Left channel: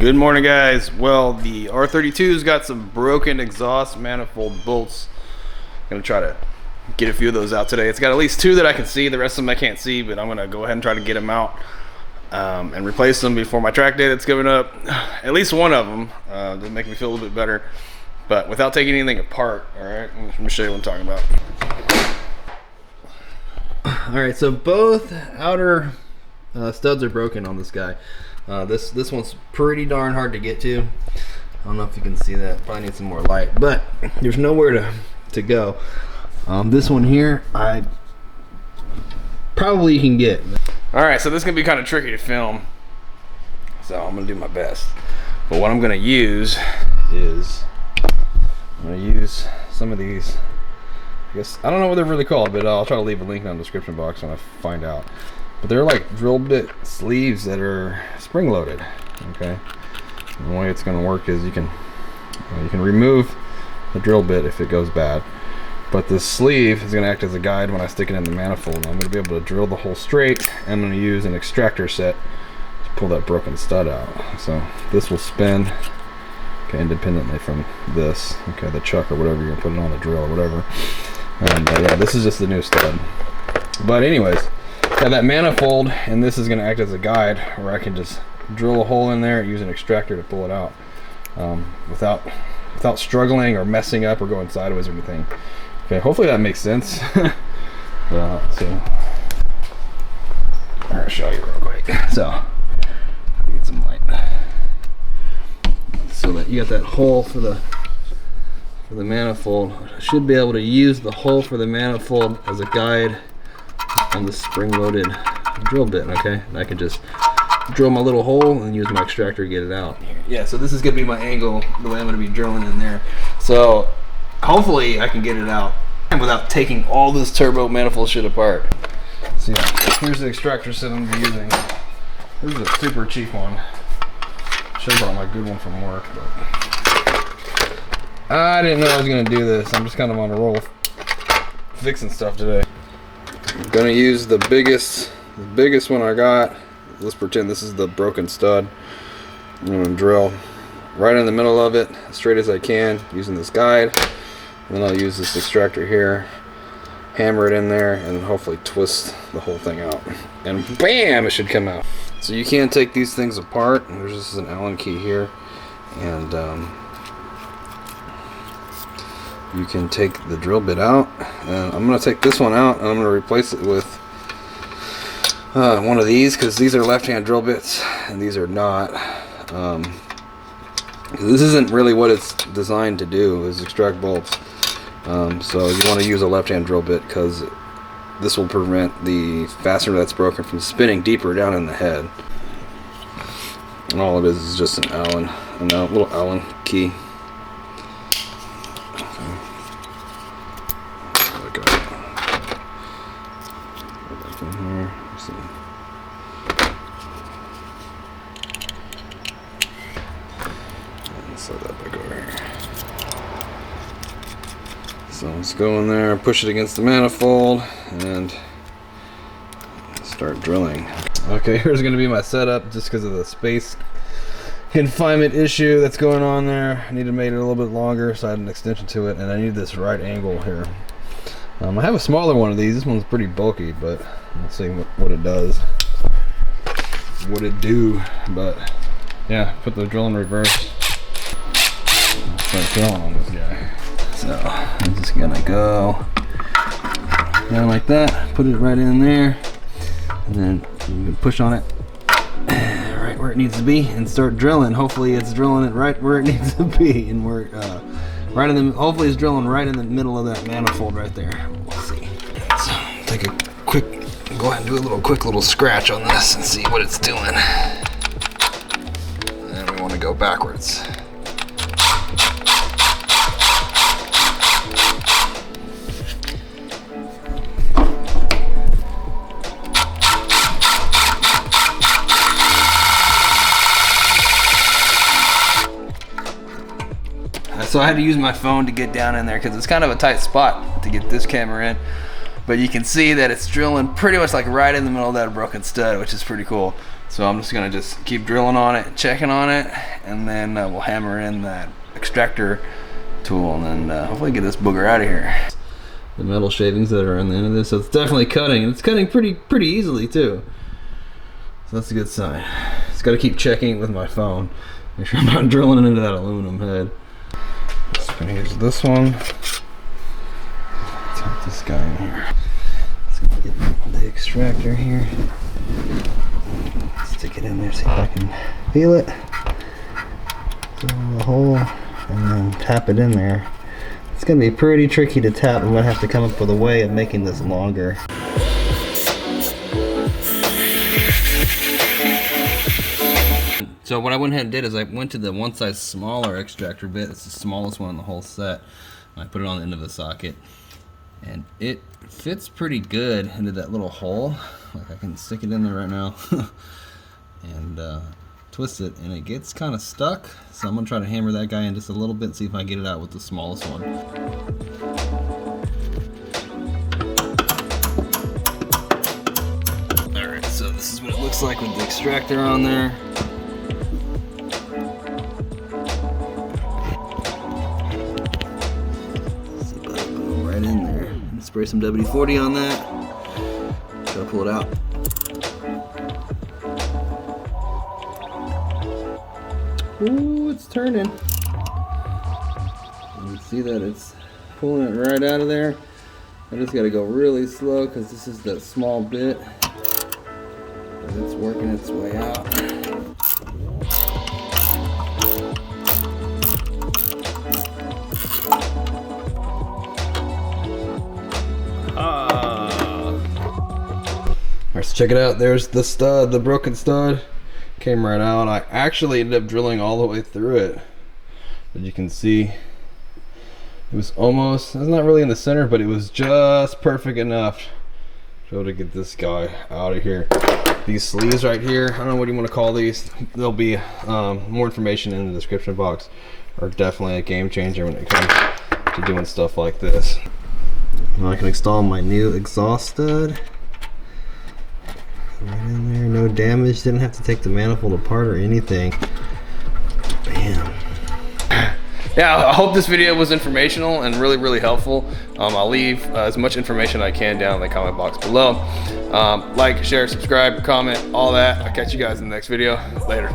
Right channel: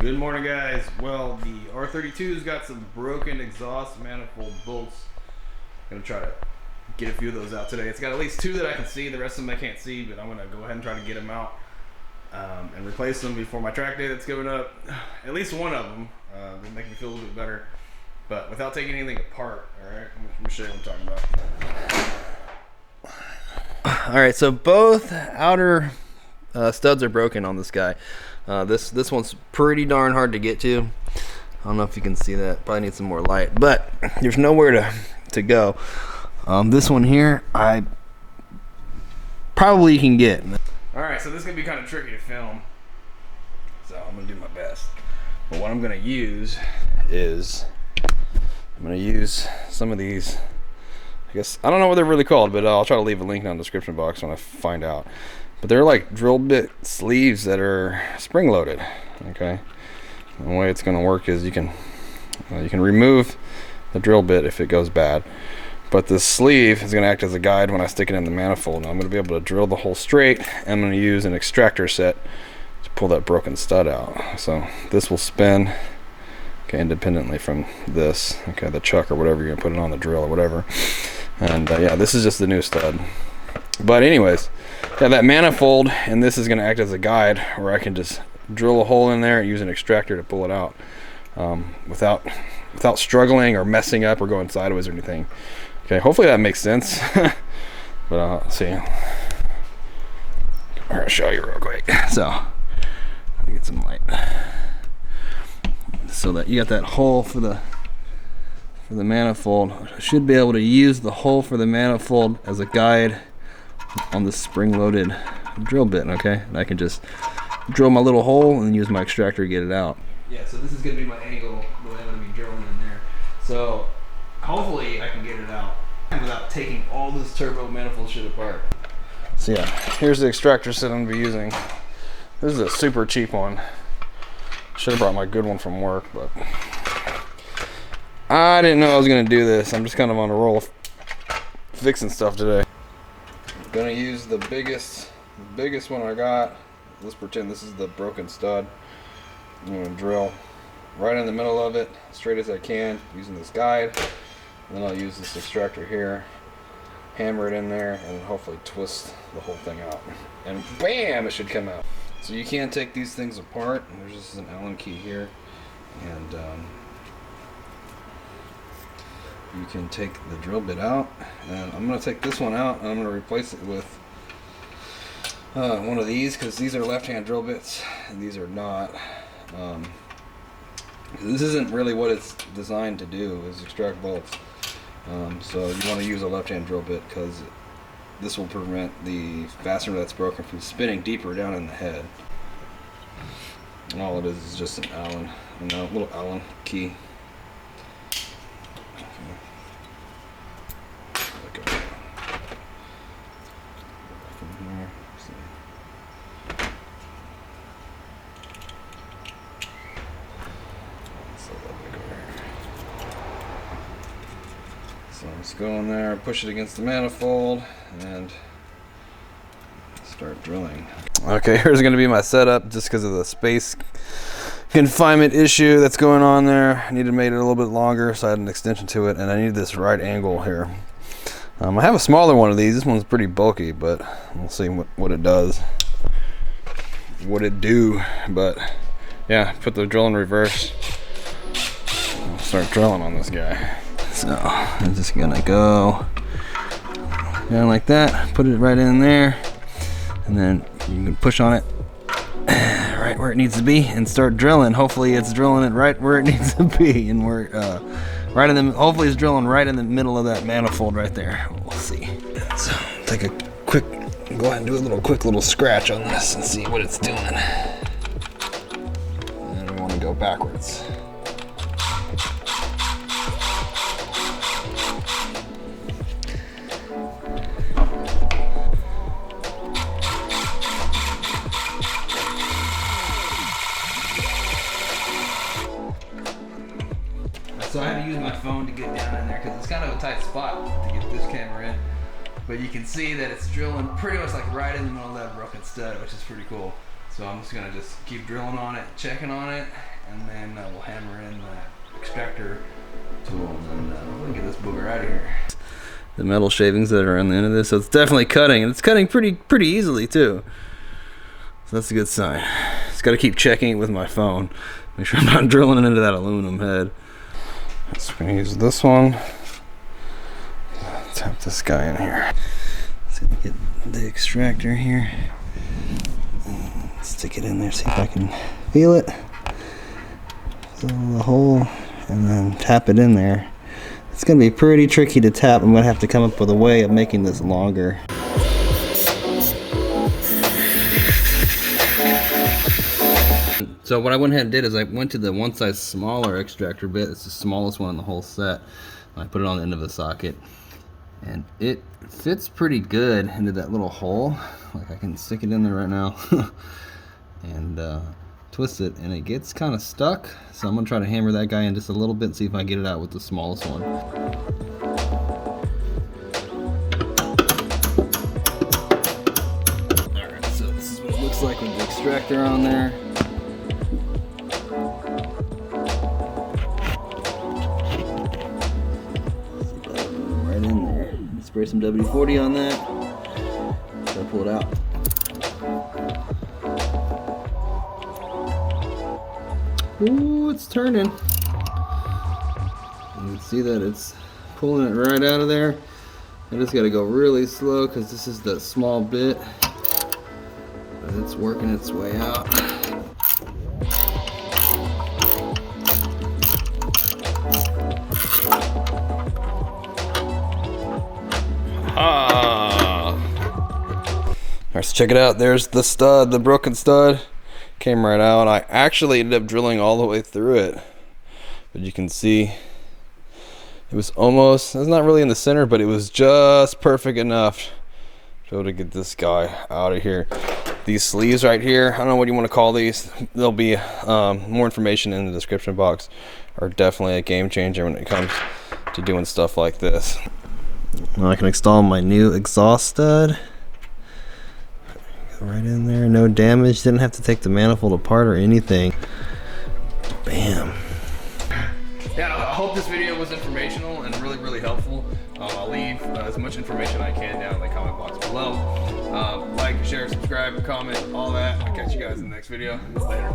Good morning, guys. Well, the R32's got some broken exhaust manifold bolts. I'm gonna try to get a few of those out today. It's got at least two that I can see. The rest of them I can't see, but I'm gonna go ahead and try to get them out and replace them before my track day that's coming up. At least one of them to make me feel a little bit better, but without taking anything apart. All right, let me show you what I'm talking about. All right, so both outer studs are broken on this guy. This one's pretty darn hard to get to. I don't know if you can see that. Probably need some more light, but there's nowhere to go. This one here, I probably can get. All right, so this is gonna be kind of tricky to film, so I'm gonna do my best. But what I'm gonna use is some of these. I guess I don't know what they're really called, but I'll try to leave a link on the description box when I find out. But they're like drill bit sleeves that are spring loaded. Okay, and the way it's going to work is you can remove the drill bit if it goes bad, but the sleeve is going to act as a guide when I stick it in the manifold. And I'm going to be able to drill the hole straight. I'm going to use an extractor set to pull that broken stud out. So this will spin, okay, independently from this, okay, the chuck or whatever you're going to put it on, the drill or whatever. And yeah, this is just the new stud. But anyways, yeah, that manifold, and this is going to act as a guide where I can just drill a hole in there and use an extractor to pull it out without struggling or messing up or going sideways or anything. Okay, hopefully that makes sense. But let's see. I'm going to show you real quick. So, let me get some light. So that you got that hole for the manifold. I should be able to use the hole for the manifold as a guide on the spring-loaded drill bit, okay? And I can just drill my little hole and use my extractor to get it out. Yeah, so this is gonna be my angle, the way I'm gonna be drilling in there. So hopefully I can get it out without taking all this turbo manifold shit apart. So yeah, here's the extractor set I'm gonna be using. This is a super cheap one. Should have brought my good one from work, but I didn't know I was gonna do this. I'm just kind of on a roll fixing stuff today. I'm gonna use the biggest one I got. Let's pretend this is the broken stud. I'm gonna drill right in the middle of it, as straight as I can, using this guide. And then I'll use this extractor here, hammer it in there, and then hopefully twist the whole thing out. And bam, it should come out. So you can take these things apart. And there's just an Allen key here, and you can take the drill bit out. I'm going to take this one out and I'm going to replace it with one of these, because these are left-hand drill bits and these are not. This isn't really what it's designed to do, is extract bolts. So you want to use a left-hand drill bit, because this will prevent the fastener that's broken from spinning deeper down in the head. And all it is just a little Allen key. So let's go in there, push it against the manifold, and start drilling. Okay, here's going to be my setup, just because of the space confinement issue that's going on there. I need to make it a little bit longer, so I had an extension to it, and I need this right angle here. I have a smaller one of these. This one's pretty bulky, but we'll see what it does. What it do, but yeah, put the drill in reverse. Start drilling on this guy. So I'm just gonna go like that, put it right in there, and then you can push on it right where it needs to be and start drilling. Hopefully it's drilling it right where it needs to be, and we're right in the. Hopefully it's drilling right in the middle of that manifold right there. We'll see. So take a quick, go ahead and do a quick little scratch on this and see what it's doing. And then we want to go backwards. So I had to use my phone to get down in there, because it's kind of a tight spot to get this camera in. But you can see that it's drilling pretty much like right in the middle of that broken stud, which is pretty cool. So I'm just gonna keep drilling on it, checking on it, and then we'll hammer in that extractor tool, and then hopefully get this booger out of here. The metal shavings that are on the end of this, so it's definitely cutting, and it's cutting pretty easily too. So that's a good sign. Just gotta keep checking it with my phone. Make sure I'm not drilling into that aluminum head. Just gonna use this one. Tap this guy in here. Just gonna get the extractor here. Stick it in there, see if I can feel it. Fill the hole, and then tap it in there. It's gonna be pretty tricky to tap. I'm gonna have to come up with a way of making this longer. So what I went ahead and did is I went to the one size smaller extractor bit. It's the smallest one in the whole set. I put it on the end of the socket, and it fits pretty good into that little hole. Like I can stick it in there right now and twist it, and it gets kind of stuck. So I'm gonna try to hammer that guy in just a little bit and see if I can get it out with the smallest one. Alright, so this is what it looks like with the extractor on there. Right in there. Spray some WD-40 on that. Try to pull it out. Ooh, it's turning. You can see that it's pulling it right out of there. I just got to go really slow because this is that small bit. But it's working its way out. Alright, so check it out. There's the stud, the broken stud. Came right out. I actually ended up drilling all the way through it, but you can see it was almost, it's not really in the center, but it was just perfect enough to get this guy out of here. These sleeves right here, I don't know what you want to call these. There'll be more information in the description box. Are definitely a game changer when it comes to doing stuff like this. Now I can install my new exhaust stud. Right in there, no damage, didn't have to take the manifold apart or anything. Bam. Yeah, I hope this video was informational and really helpful. I'll leave as much information I can down in the comment box below. Like, share, subscribe, comment, all that. I'll catch you guys in the next video. Later.